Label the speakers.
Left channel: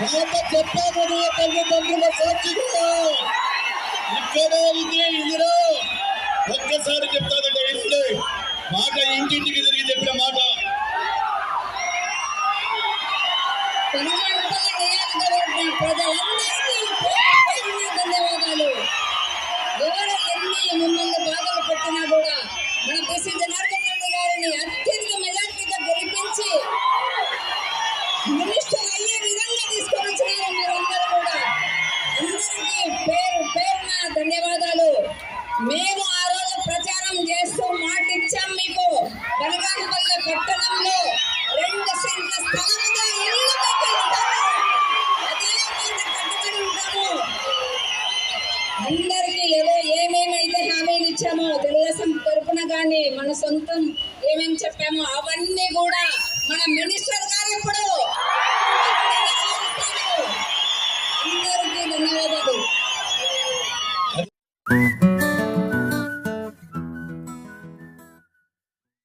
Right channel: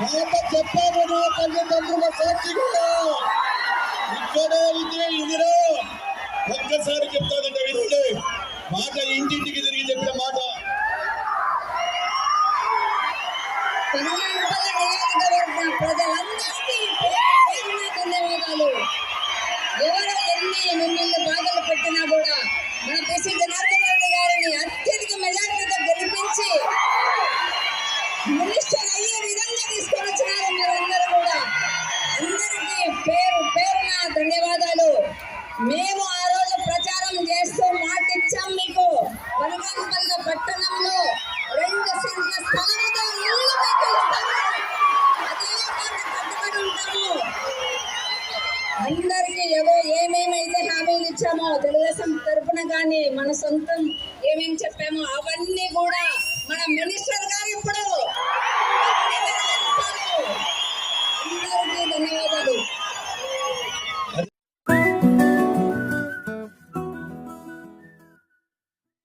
Speaker 1: మాట చెప్పాను నా తల్లిదండ్రుల సాక్షిగా. ఇక్కడే ఇది ఇదిరా ఒక్కసారి చెప్తాదంటే వినండి. మాట ఇంటింటికి తిరిగి చెప్పిన మాట.
Speaker 2: ధన్యవాదాలు. ఎవరు ఎన్ని మిమ్మల్ని బాధలు పెట్టినా కూడా మన పిసి జనార్దన్ రెడ్డి గారిని అత్యధిక మెజార్టీతో గెలిపించి మినిస్టర్ ధన్యవాదాలు. మేము ఆ రోజు ప్రచారం చేస్తూ మాట ఇచ్చాం మీకు. బనగానపల్లి పట్టణంలో రెండు సెంట్ల స్థలంతో ఇల్లు అదే కట్టుబడి ఉంటాము. అందరికీ ఏదో ఏమేమైతే హామీలు ఇచ్చామో తెలుగుదేశం తరపున కానీ మన సొంతం ఏమేమి చెప్పామో అవన్నీ కూడా మన మినిస్టర్ గారు ఇప్పుడు అందరికీ ధన్యవాదాలు.